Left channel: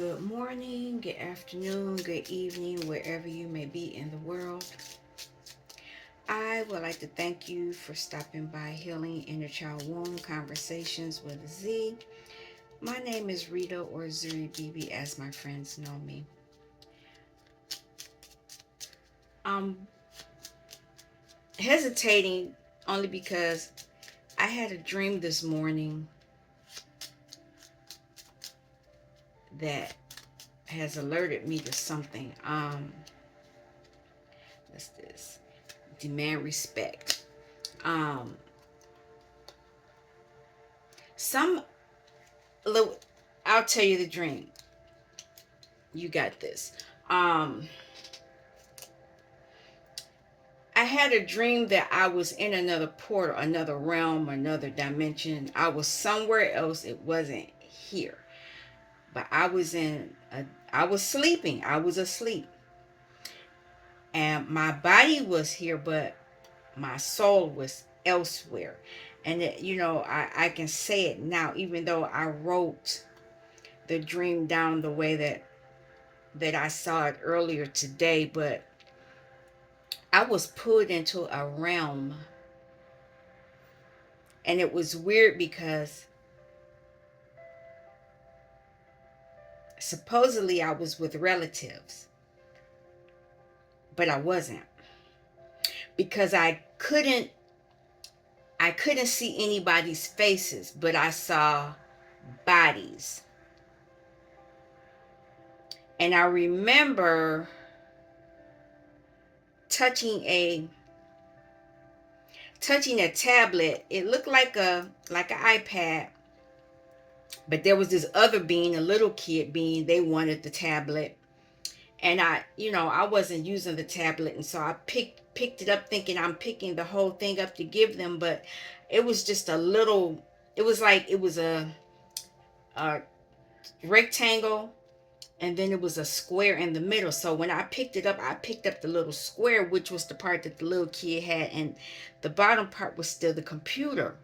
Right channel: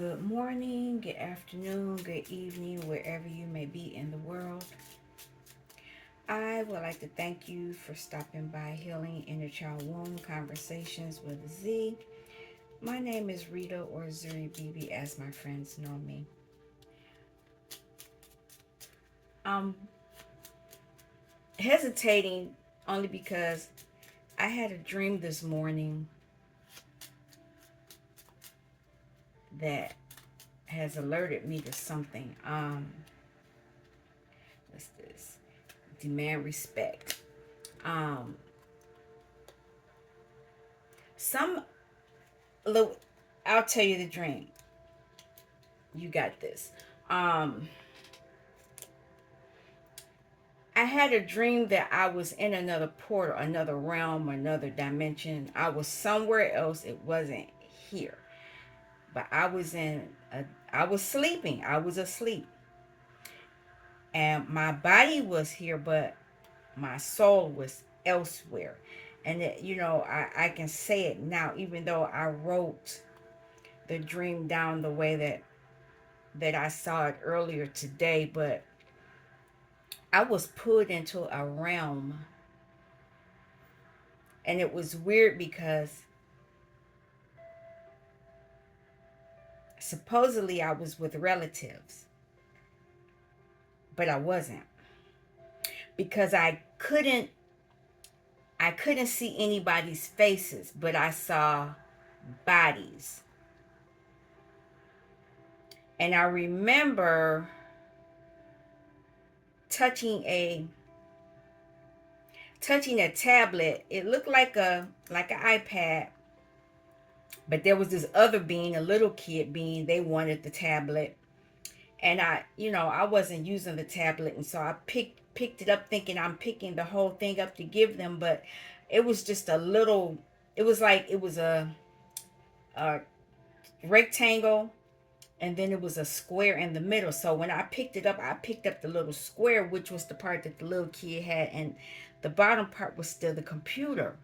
Good morning, good afternoon, good evening, wherever you may be in the world. I would like to thank you for stopping by Healing Inner Child Wound Conversations with Z. My name is Rita, or Zuri BB as my friends know me. I'm hesitating only because I had a dream this morning that has alerted me to something. What's this? Demand respect. Um, some Look, I'll tell you the dream. You got this. Um, I had a dream that I was in another portal, another realm, another dimension. I was somewhere else. It wasn't here, but I was sleeping. I was asleep, and my body was here, but my soul was elsewhere. And I can say it now, even though I wrote the dream down the way that I saw it earlier today, but I was put into a realm, and it was weird because supposedly I was with relatives, but I wasn't, because I couldn't see anybody's faces, but I saw bodies. And I remember touching a touching a tablet. It looked like an iPad, but there was this other being, a little kid being. They wanted the tablet, and I wasn't using the tablet, and so I picked it up thinking I'm picking the whole thing up to give them, but it was just a little. It was like it was a rectangle, and then it was a square in the middle. So when I picked it up, I picked up the little square, which was the part that the little kid had, and the bottom part was still the computer.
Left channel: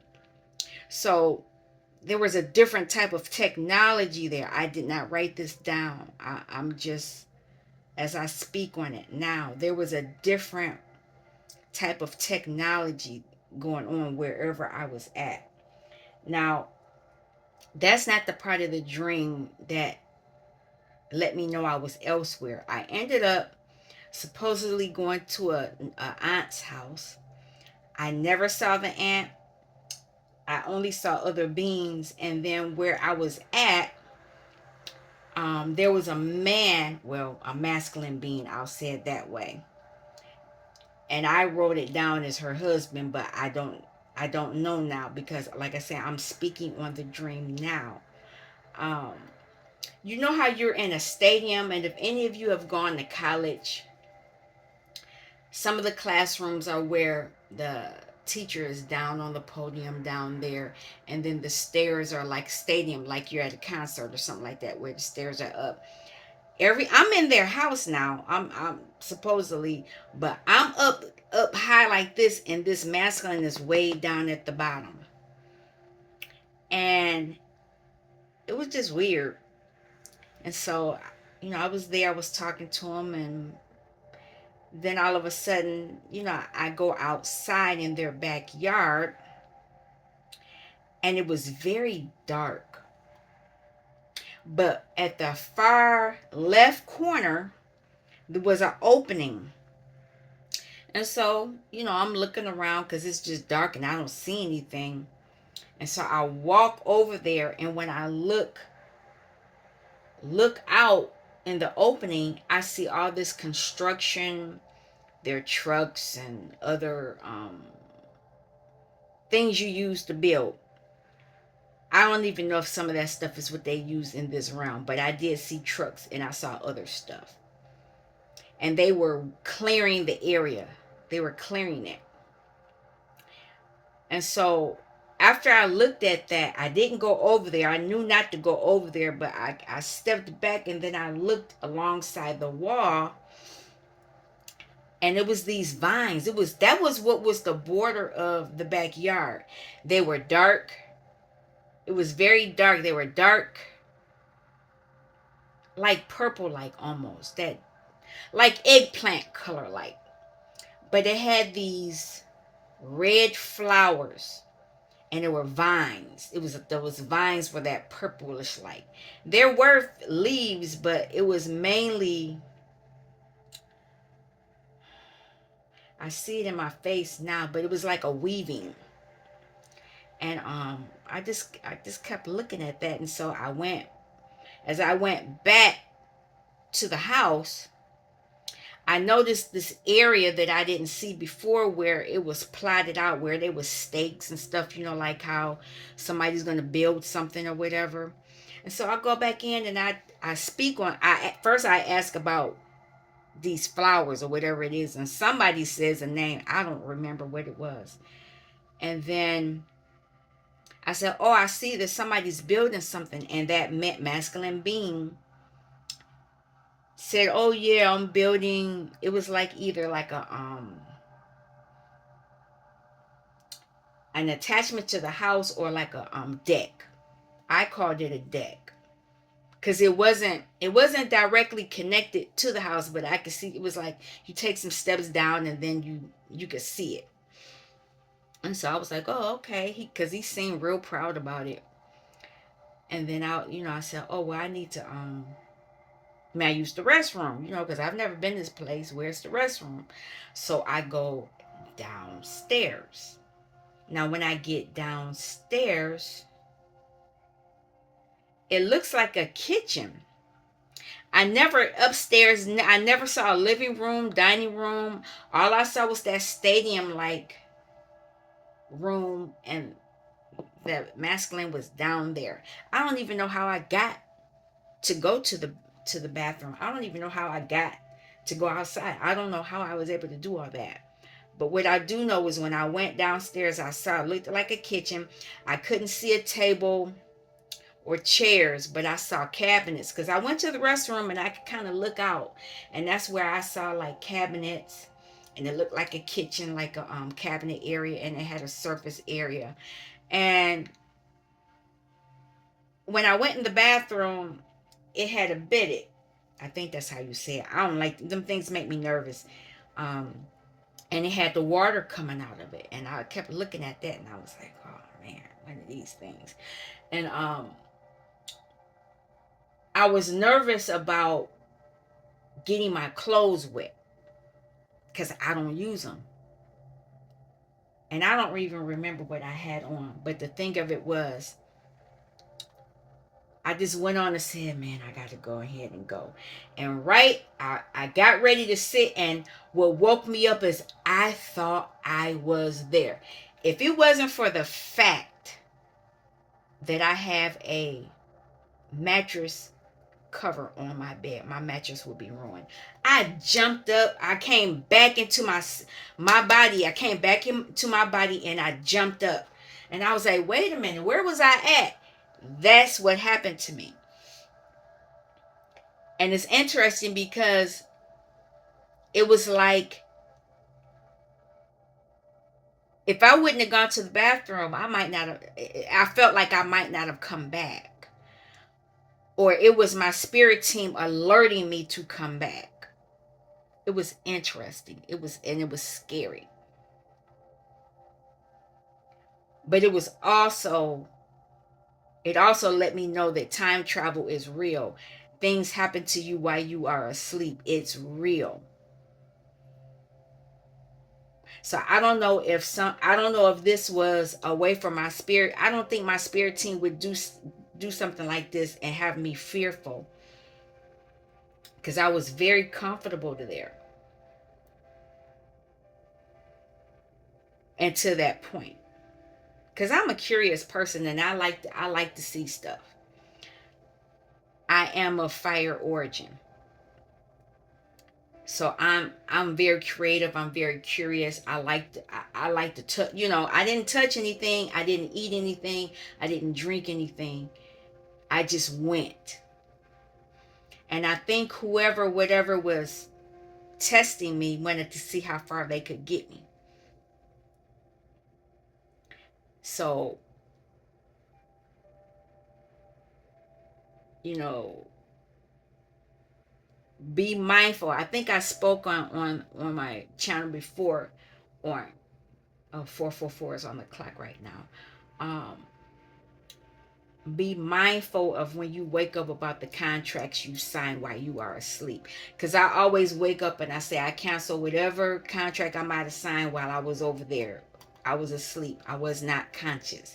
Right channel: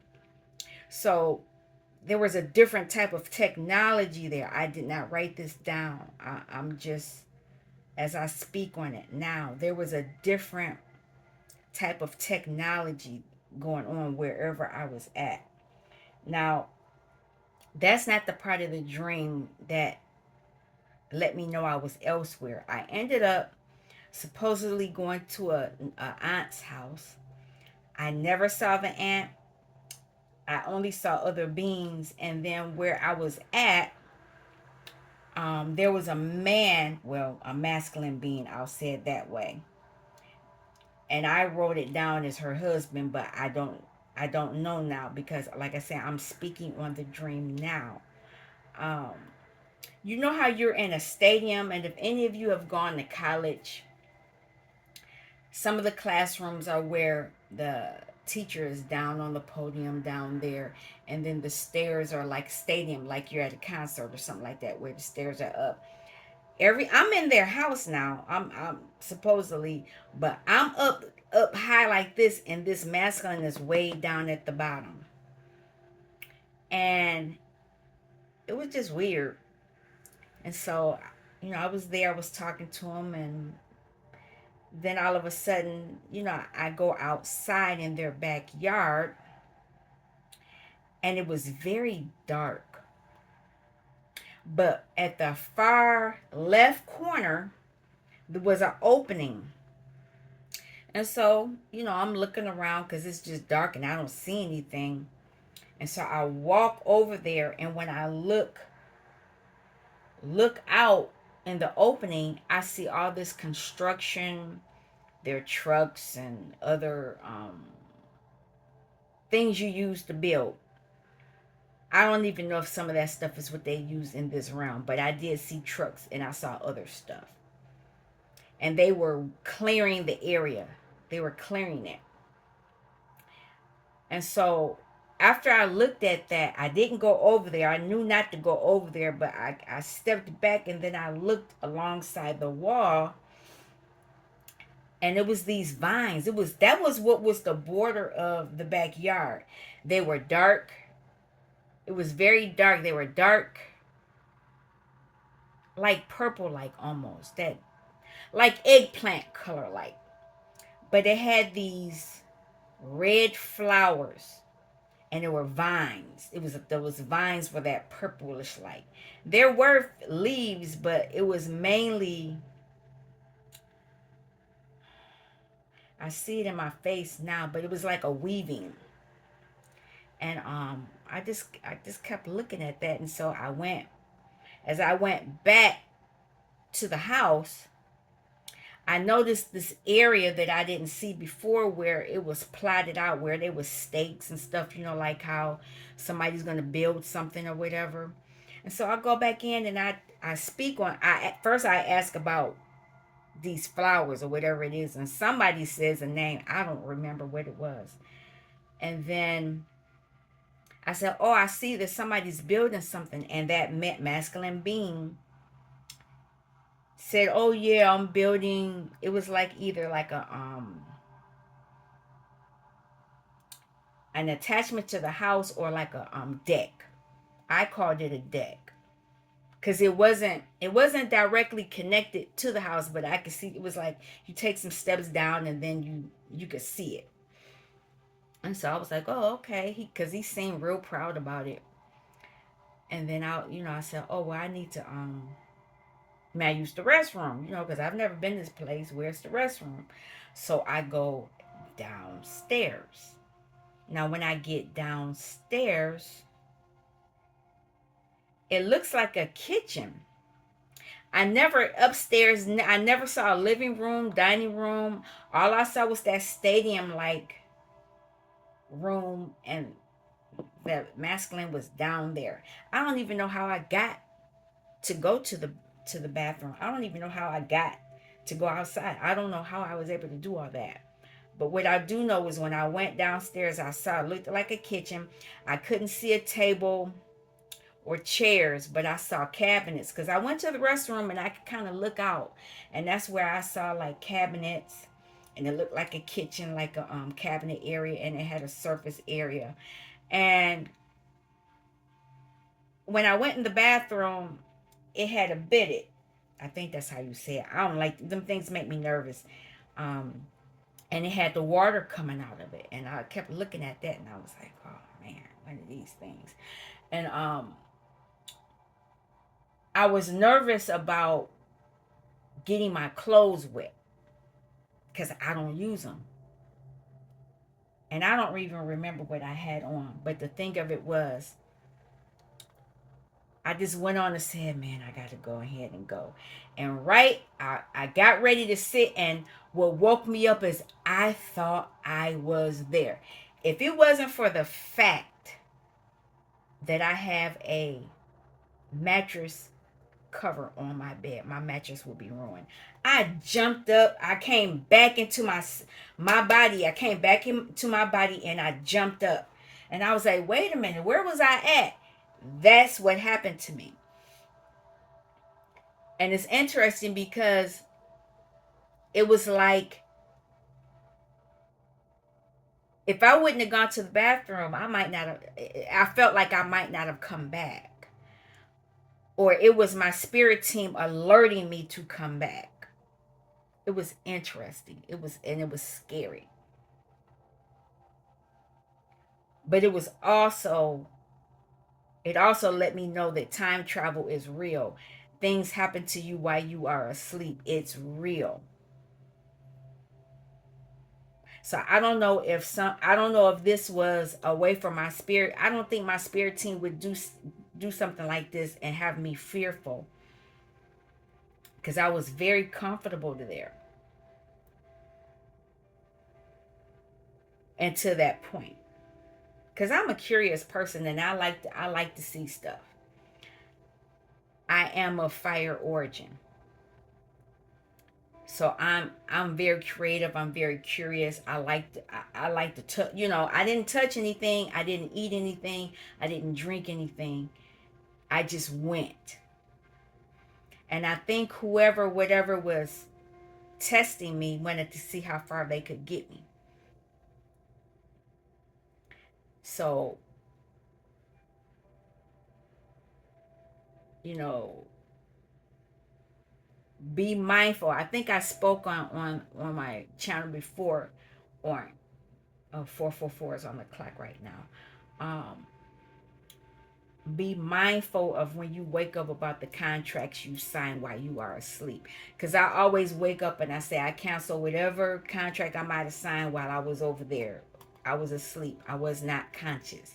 So there was a different type of technology there. I did not write this down. I'm just, as I speak on it now, there was a different type of technology going on wherever I was at. Now, that's not the part of the dream that let me know I was elsewhere. I ended up supposedly going to a aunt's house. I never saw the aunt. I only saw other beings. And then where I was at, there was a man, well, a masculine being, I'll say it that way. And I wrote it down as her husband, but I don't know now, because like I said, I'm speaking on the dream now. Um, you know how you're in a stadium, and if any of you have gone to college, some of the classrooms are where the teacher is down on the podium down there, and then the stairs are like stadium, like you're at a concert or something like that, where the stairs are up. I'm in their house now. I'm supposedly, but I'm up high like this, and this masculine is way down at the bottom. And it was just weird. And so, I was there, I was talking to him, and then all of a sudden, I go outside in their backyard, and it was very dark. But at the far left corner, there was an opening. And so, I'm looking around because it's just dark and I don't see anything. And so I walk over there, and when I look out in the opening, I see all this construction, their trucks and other things you use to build. I don't even know if some of that stuff is what they use in this realm, but I did see trucks and I saw other stuff. And they were clearing the area. They were clearing it. And so after I looked at that, I didn't go over there. I knew not to go over there, but I stepped back, and then I looked alongside the wall, and it was these vines. That was what was the border of the backyard. They were dark. It was very dark. They were dark like purple, like almost that, like eggplant color, like. But it had these red flowers, and there were vines. There was vines for that purplish like. There were leaves, but it was mainly. I see it in my face now, but it was like a weaving. And I just kept looking at that, and so I went back to the house, I noticed this area that I didn't see before where it was plotted out, where there was stakes and stuff, like how somebody's going to build something or whatever. And so I go back in and I speak on, at first I ask about these flowers or whatever it is. And somebody says a name. I don't remember what it was. And then I said, oh, I see that somebody's building something. And that masculine being said, oh yeah, I'm building. It was like either like an attachment to the house or like a deck. I called it a deck because it wasn't directly connected to the house, but I could see it was like you take some steps down and then you could see it. And so I was like, oh, okay, because he seemed real proud about it. And then I said, oh well, I need to may I use the restroom, because I've never been to this place. Where's the restroom? So I go downstairs. Now when I get downstairs, it looks like a kitchen. I never saw a living room, dining room. All I saw was that stadium like room, and that masculine was down there. I don't even know how I got to go to the bathroom. I don't even know how I got to go outside. I don't know how I was able to do all that. But what I do know is when I went downstairs, I saw it looked like a kitchen. I couldn't see a table or chairs, but I saw cabinets because I went to the restroom and I could kind of look out, and that's where I saw like cabinets, and it looked like a kitchen, like a cabinet area, and it had a surface area. And when I went in the bathroom, it had a bidet. I think that's how you say it. I don't like them things, make me nervous. Um, and it had the water coming out of it, and I kept looking at that, and I was like, oh man, one of these things. And I was nervous about getting my clothes wet because I don't use them. And I don't even remember what I had on. But the thing of it was, I just went on and said, man, I got to go ahead and go. And I got ready to sit, and what woke me up is I thought I was there. If it wasn't for the fact that I have a mattress cover on my bed, my mattress would be ruined. I jumped up. I came back into my body. I came back into my body, and I jumped up. And I was like, wait a minute, where was I at? That's what happened to me. And it's interesting because it was like if I wouldn't have gone to the bathroom, I might not have, I felt like I might not have come back. Or it was my spirit team alerting me to come back. It was interesting. It was scary. But it also let me know that time travel is real. Things happen to you while you are asleep. It's real. So I don't know if this was a way for my spirit. I don't think my spirit team would do something like this and have me fearful, because I was very comfortable there and to that point. Because I'm a curious person, and I like to see stuff. I am of fire origin. So I'm very creative. I'm very curious. I like to touch. I didn't touch anything. I didn't eat anything. I didn't drink anything. I just went. And I think whoever, whatever was testing me wanted to see how far they could get me. So, you know, Be mindful. I think I spoke on my channel before on 444 is on the clock right now. Be mindful of when you wake up about the contracts you sign while you are asleep. Because I always wake up and I say I cancel whatever contract I might have signed while I was over there. I was asleep. I was not conscious.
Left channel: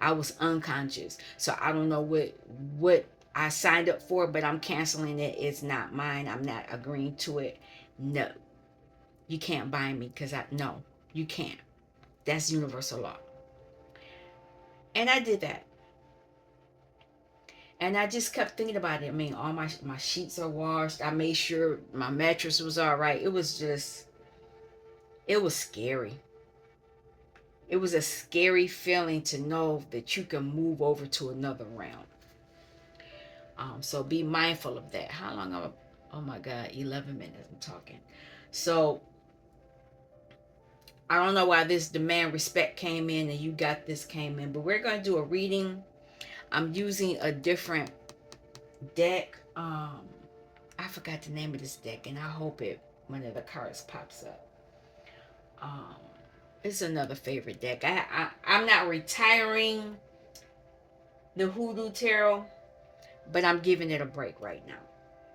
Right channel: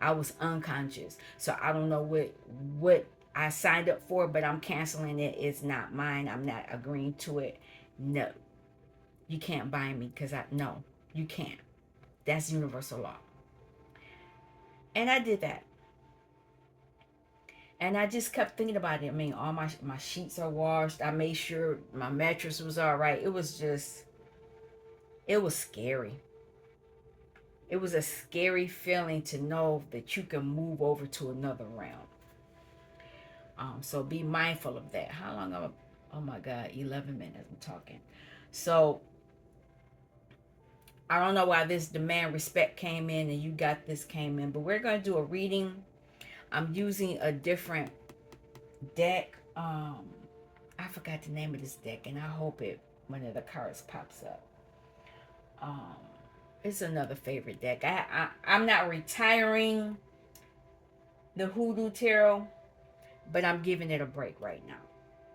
I was unconscious. So I don't know what I signed up for, but I'm canceling it. It's not mine. I'm not agreeing to it. No. You can't bind me because I no, you can't. That's universal law. And I did that. And I just kept thinking about it. I mean, all my sheets are washed. I made sure my mattress was all right. It was just, it was scary. It was a scary feeling to know that you can move over to another realm. So be mindful of that. How long? Oh my God, 11 minutes I'm talking. So I don't know why this demand respect came in and you got this came in, but we're going to do a reading. I'm using a different deck. I forgot the name of this deck, and I hope it one of the cards pops up. Um, it's another favorite deck. I'm not retiring the Hoodoo Tarot, but I'm giving it a break right now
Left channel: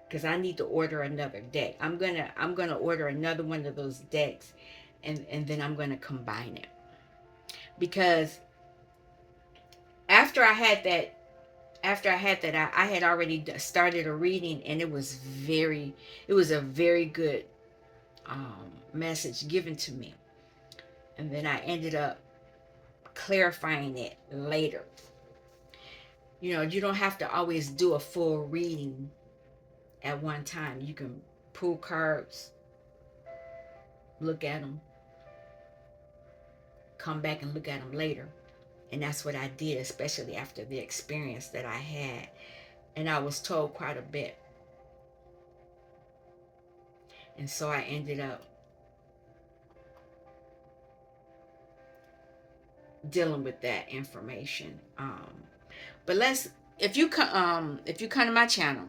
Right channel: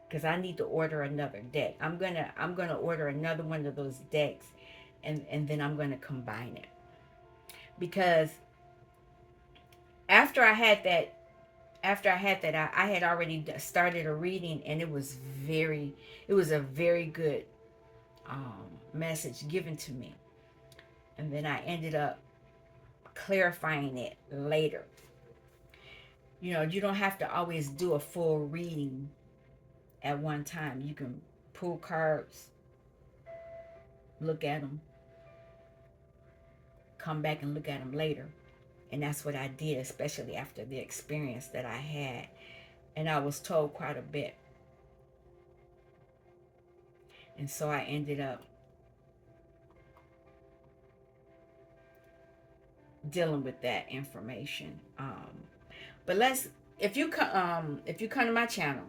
because I need to order another deck. I'm gonna order another one of those decks, and then I'm gonna combine it because after I had that I had already started a reading, and it was a very good message given to me, and then I ended up clarifying it later. You know, you don't have to always do a full reading at one time. You can pull cards, look at them, come back and look at them later. And that's what I did, especially after the experience that I had. And I was told quite a bit. And so I ended up dealing with that information. But let's if you come to my channel,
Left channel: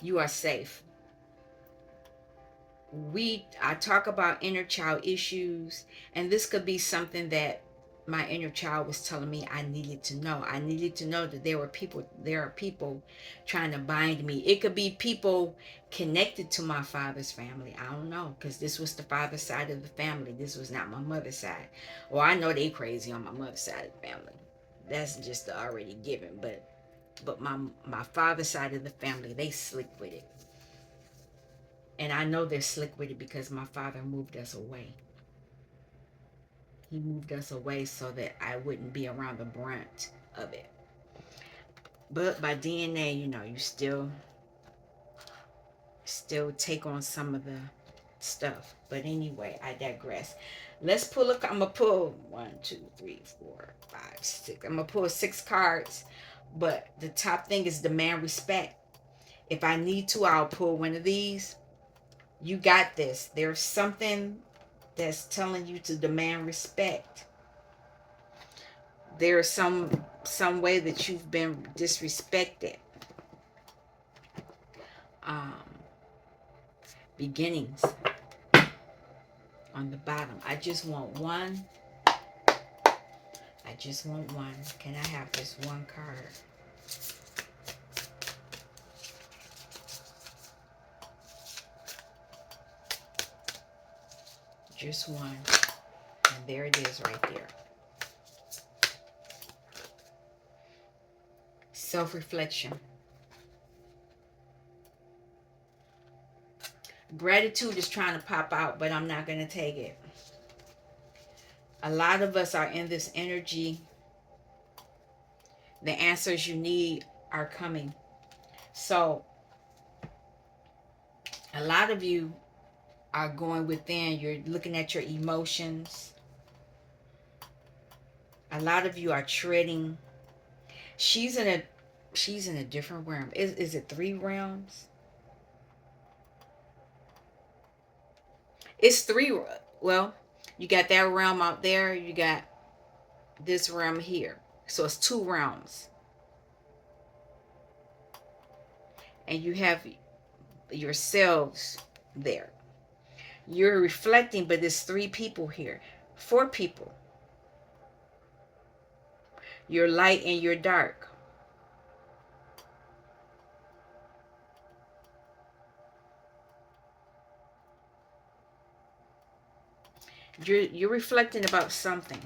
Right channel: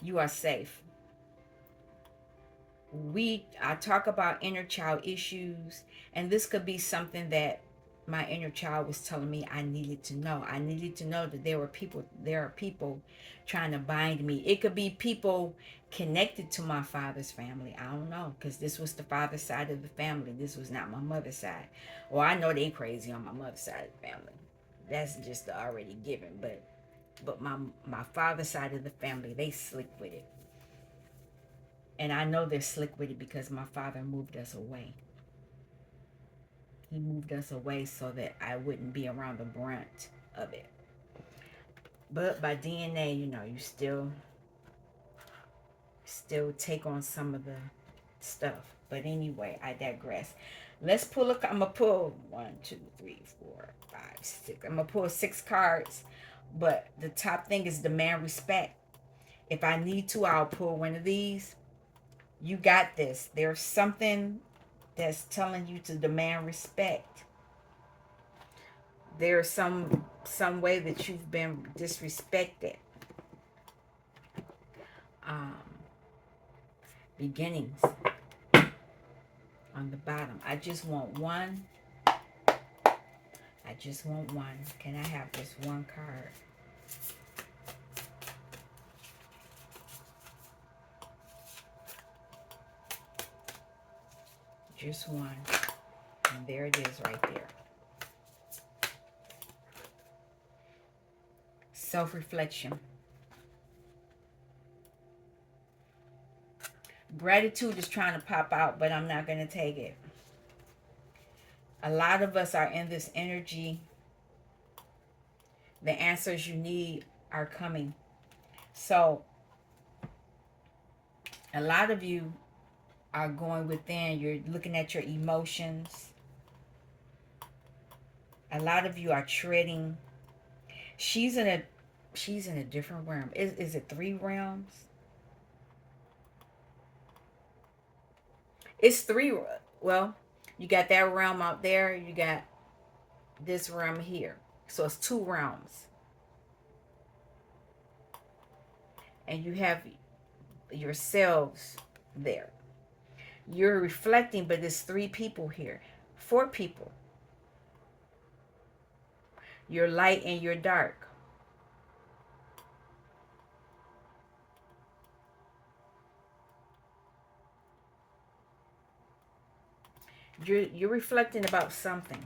you are safe. I talk about inner child issues, and this could be something that my inner child was telling me I needed to know. I needed to know that there are people trying to bind me. It could be people connected to my father's family. I don't know, because this was the father's side of the family. This was not my mother's side. Well, I know they crazy on my mother's side of the family. That's just already given. But my father's side of the family, they slick with it. And I know they're slick with it because my father moved us away. He moved us away so that I wouldn't be around the brunt of it. But by DNA, you know, you still take on some of the stuff. But anyway, I digress. Let's pull I'm gonna pull 1, 2, 3, 4, 5, 6. I'm gonna pull 6 cards. But the top thing is demand respect. If I need to, I'll pull one of these. You got this. There's something that's telling you to demand respect. There's some way that you've been disrespected. Um, Beginnings on the bottom. I just want one. I just want one. Can I have just one card? Just one. And there it is right there. Self-reflection. Gratitude is trying to pop out, but I'm not going to take it. A lot of us are in this energy. The answers you need are coming. So, a lot of you are going within. You're looking at your emotions. A lot of you are treading. She's in a different realm. Is it 3 realms? It's 3. Well, you got that realm out there. You got this realm here. So it's 2 realms. and you have yourselves there. You're reflecting, but there's 3 people here, 4 people. You're light and you're dark. You're reflecting about something.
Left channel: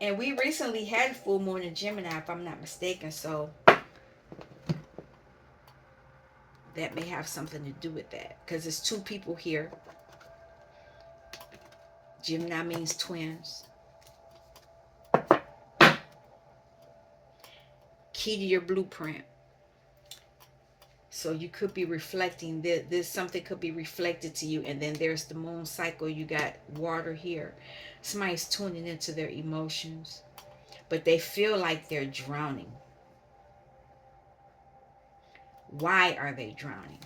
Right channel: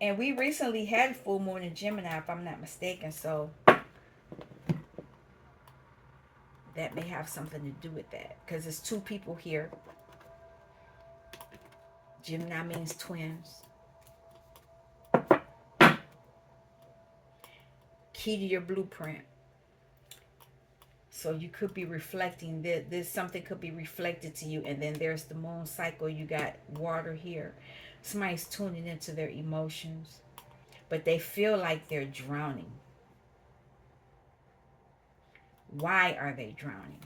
And we recently had full moon in Gemini, if I'm not mistaken, so that may have something to do with that. Because there's 2 people here. Gemini means twins. Key to your blueprint. So you could be reflecting this something could be reflected to you, and then there's the moon cycle. You got water here. Somebody's tuning into their emotions, but they feel like they're drowning. Why are they drowning?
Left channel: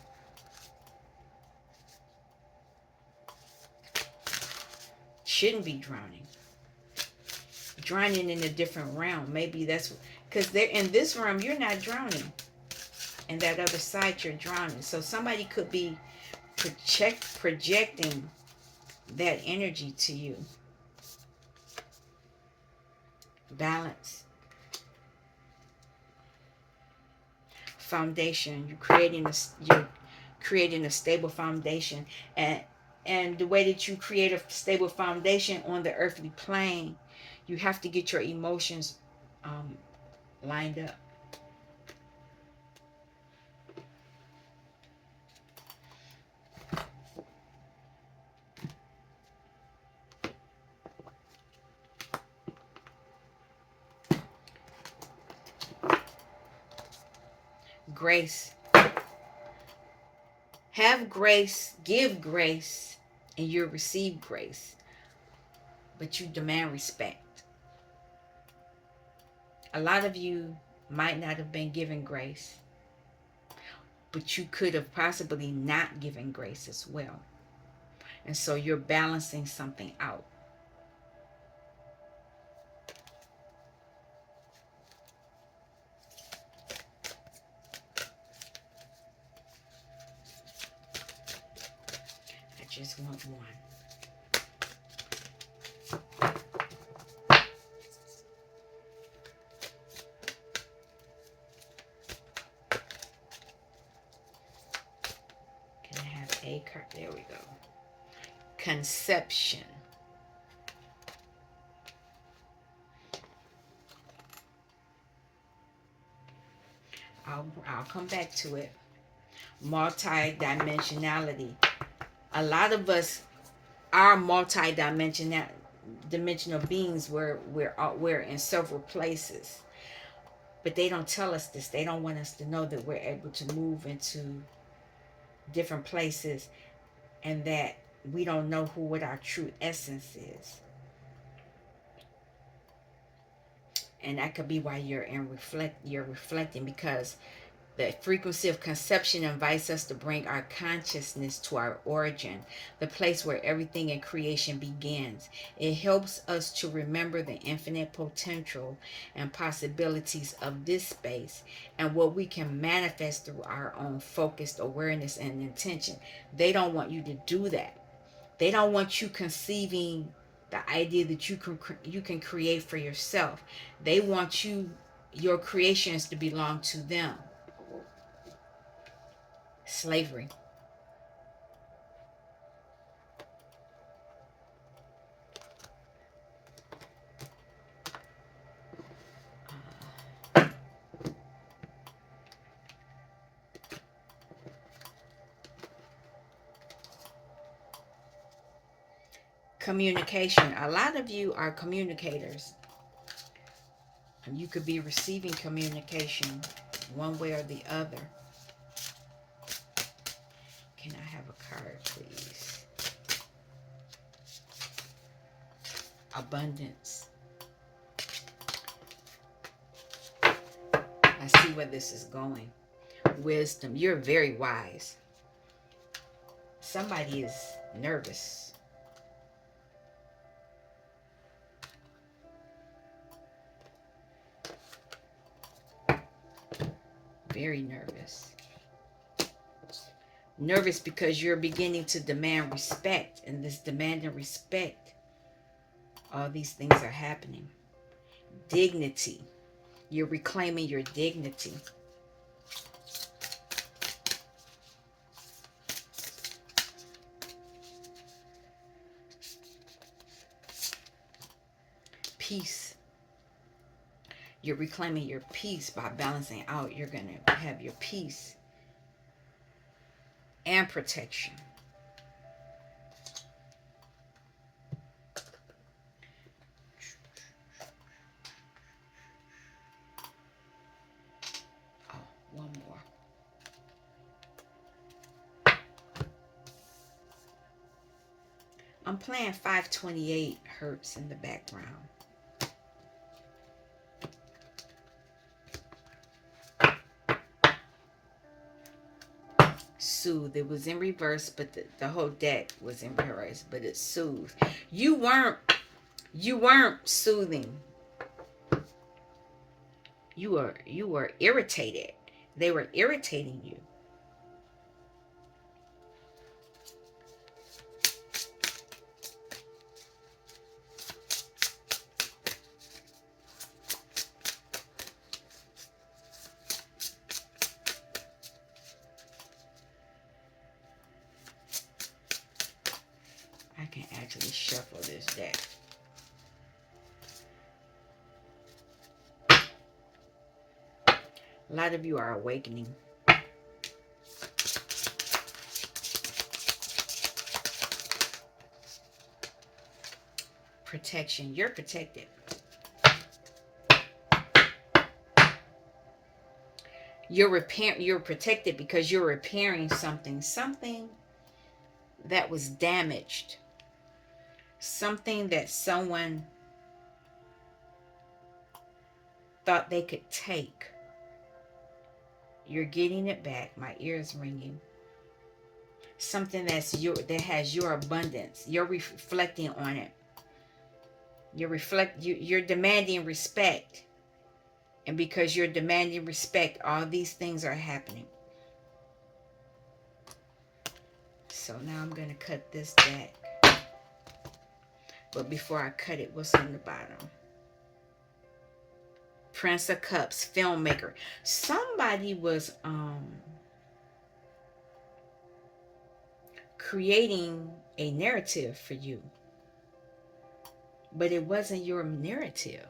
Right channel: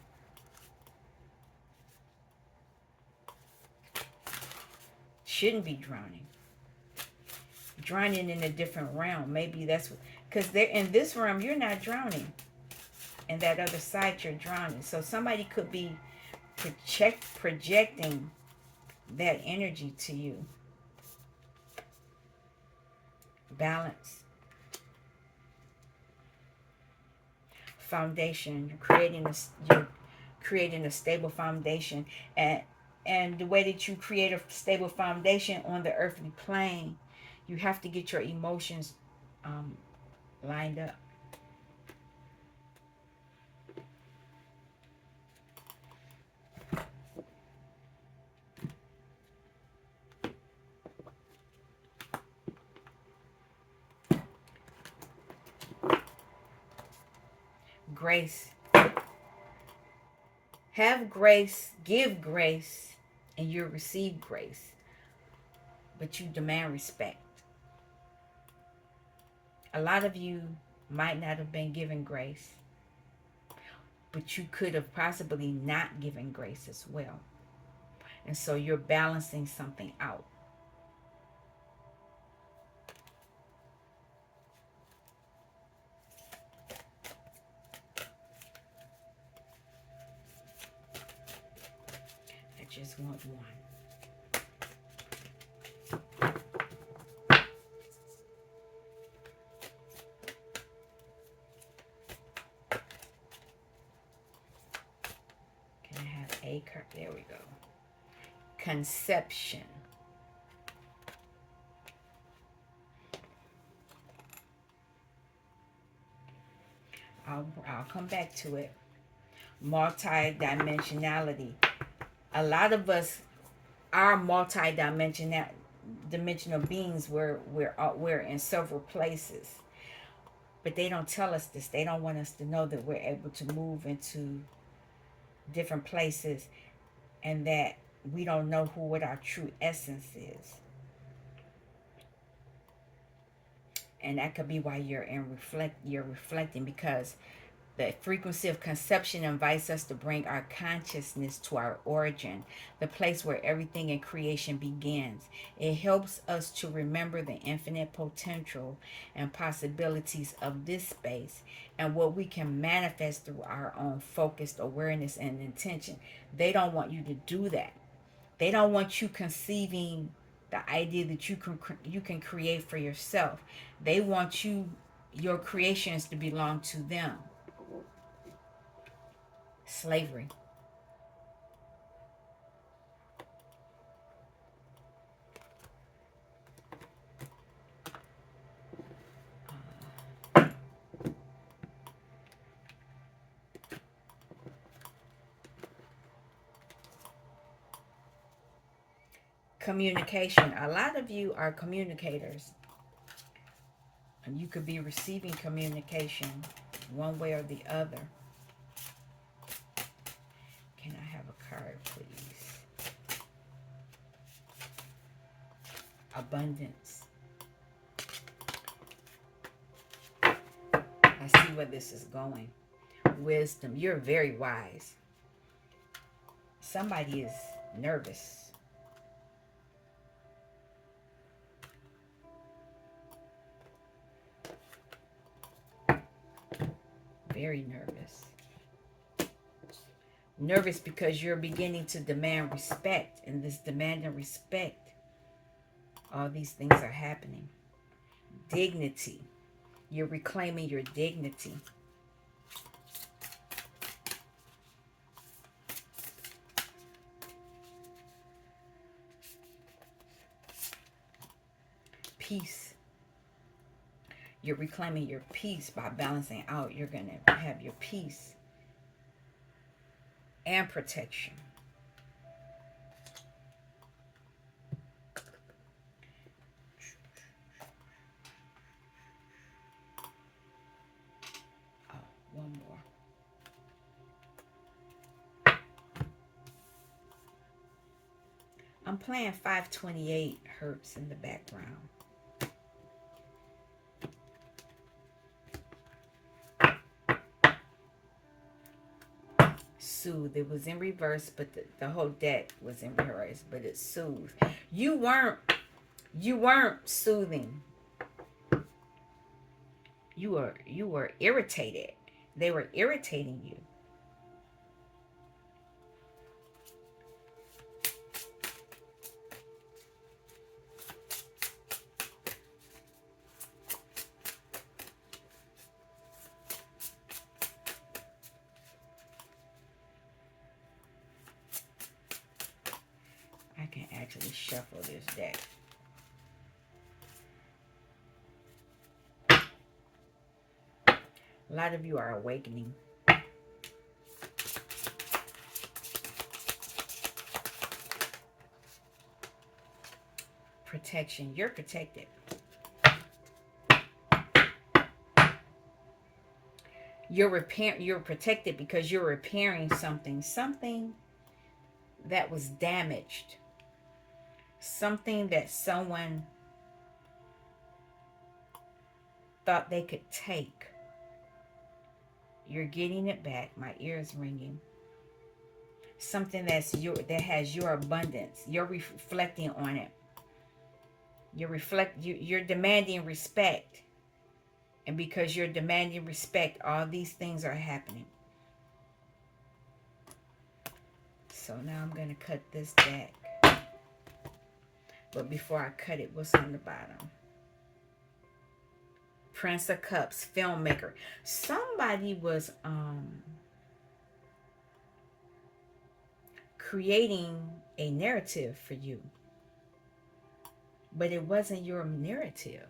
Shouldn't be drowning. Drowning in a different realm. Maybe that's because they're in this realm. You're not drowning. And that other side, you're drowning. So somebody could be projecting that energy to you. Balance. Foundation. You're creating a stable foundation, and the way that you create a stable foundation on the earthly plane, you have to get your emotions um, lined up. Grace. Have grace, give grace, and you'll receive grace. But you demand respect. A lot of you might not have been given grace, but you could have possibly not given grace as well. And so you're balancing something out. I just want one. Can I have a card? There we go. Conception. I'll come back to it. Multi-dimensionality. A lot of us are dimensional beings where we're in several places. But they don't tell us this. They don't want us to know that we're able to move into different places, and that we don't know what our true essence is. And that could be why you're reflecting, because the frequency of conception invites us to bring our consciousness to our origin, the place where everything in creation begins. It helps us to remember the infinite potential and possibilities of this space, and what we can manifest through our own focused awareness and intention. They don't want you to do that. They don't want you conceiving the idea that you can create for yourself. They want your creations to belong to them. Slavery. Communication. A lot of you are communicators, and you could be receiving communication one way or the other. Can I have a card, please? Abundance. I see where this is going. Wisdom. You're very wise. Somebody is nervous. very nervous. Nervous because you're beginning to demand respect, and this demand and respect, all these things are happening. Dignity. You're reclaiming your dignity. Peace. You're reclaiming your peace by balancing out. You're going to have your peace and protection. Oh, one more. I'm playing 528 hertz in the background. Soothe. It was in reverse, but the whole deck was in reverse, but it soothed. You weren't soothing. You were irritated. They were irritating you. I can actually shuffle this deck. A lot of you are awakening. Protection. You're protected. You're protected because you're repairing something that was damaged. Something that someone thought they could take. You're getting it back. My ears ringing. Something that has your abundance. You're reflecting on it. You're demanding respect. And because you're demanding respect, all these things are happening. So now I'm going to cut this deck. But before I cut it, what's on the bottom? Prince of Cups, filmmaker. Somebody was creating a narrative for you. But it wasn't your narrative.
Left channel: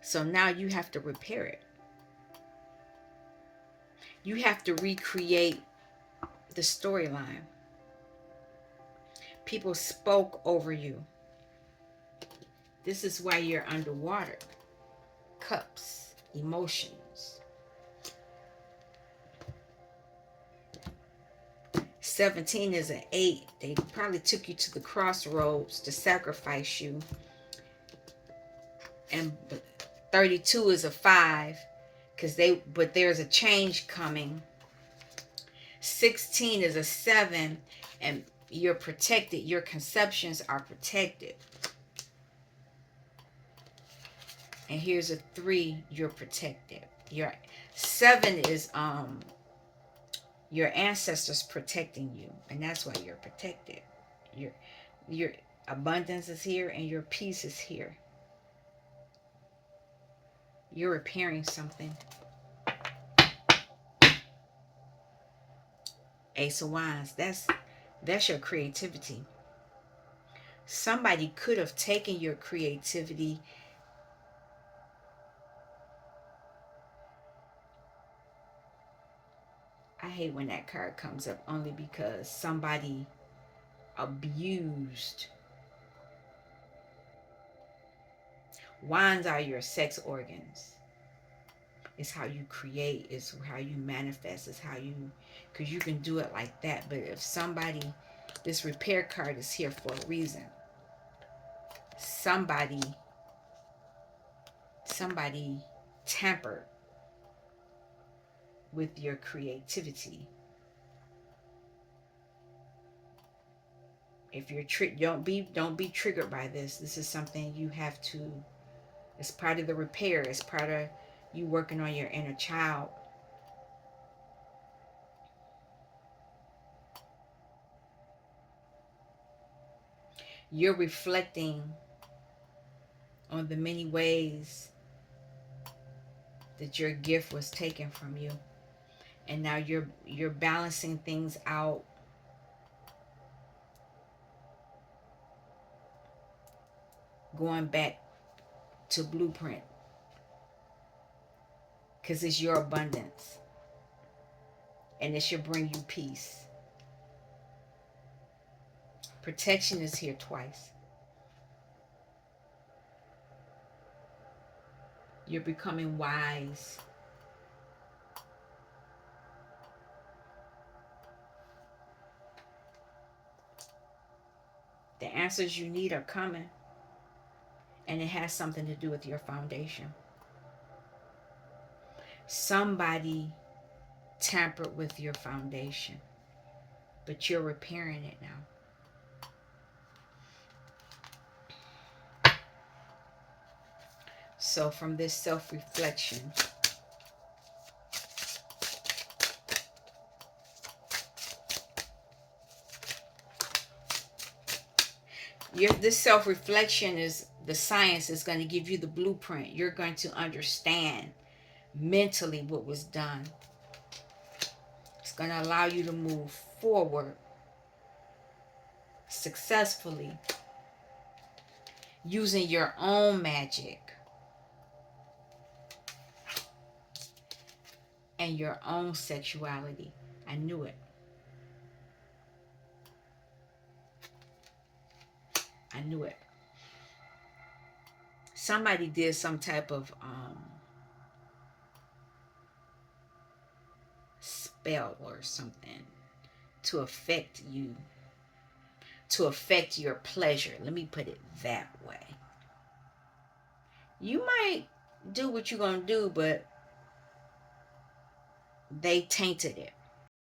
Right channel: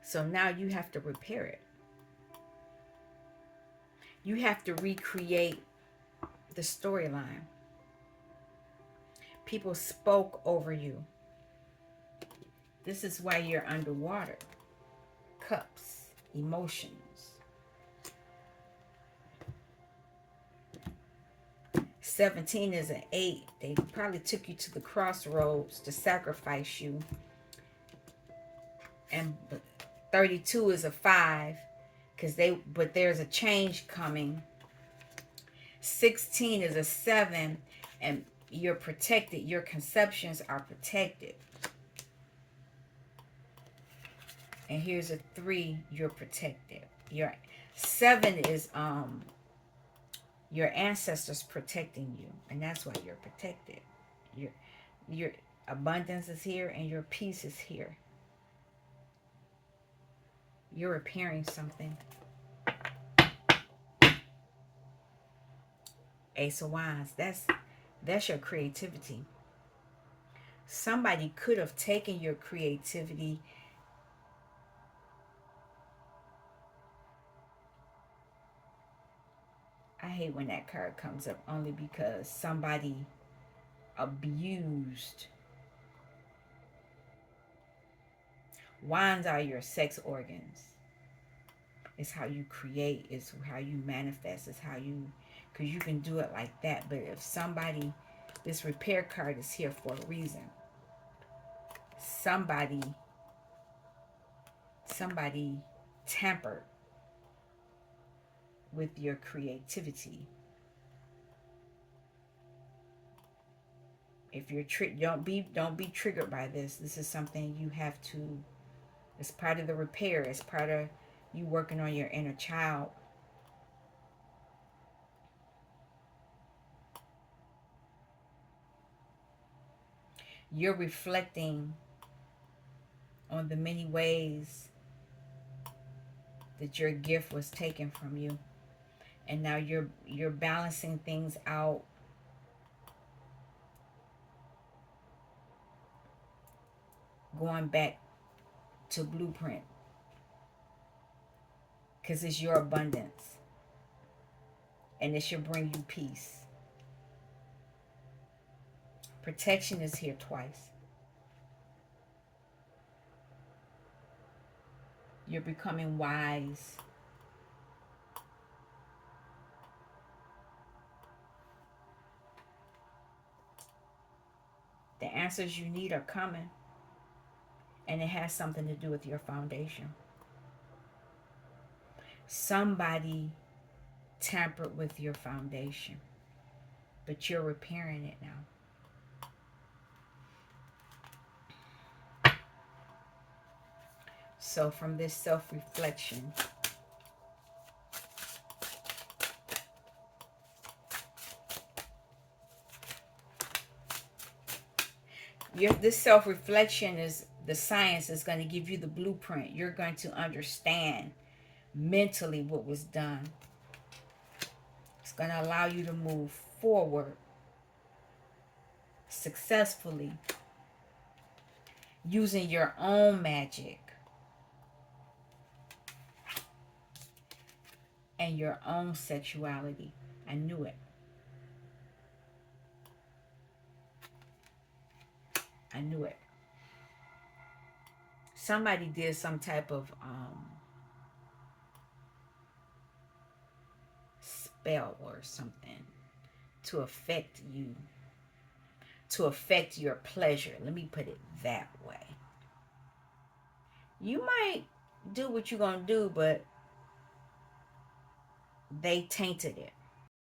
So now you have to repair it. You have to recreate the storyline. People spoke over you. This is why you're underwater. Cups, emotions. 17 is an 8. They probably took you to the crossroads to sacrifice you. And 32 is a 5 but there's a change coming. 16 is a 7, and you're protected. Your conceptions are protected. And here's a 3, you're protected. Your 7 is your ancestors protecting you, and that's why you're protected. Your abundance is here and your peace is here. You're repairing something. Ace of Wands, that's your creativity. Somebody could have taken your creativity I hate when that card comes up only because somebody abused. Wands are your sex organs. It's how you create, it's how you manifest, it's how you, because you can do it like that. But if somebody, this repair card is here for a reason. Somebody tampered with your creativity. If you're don't be triggered by this. This is something you have to. It's part of the repair. It's part of You working on your inner child. You're reflecting on the many ways that your gift was taken from you. And now you're balancing things out, going back to blueprint, because it's your abundance and it should bring you peace. Protection is here twice. You're becoming wise. The answers you need are coming, and it has something to do with your foundation. Somebody tampered with your foundation, but you're repairing it now. So, from this self reflection, this self reflection is the science is going to give you the blueprint. You're going to understand mentally what was done. It's going to allow you to move forward successfully using your own magic and your own sexuality. I knew it. I knew it. Somebody did some type of spell or something to affect you, to affect your pleasure. Let me put it that way. You might do what you're going to do, but they tainted it.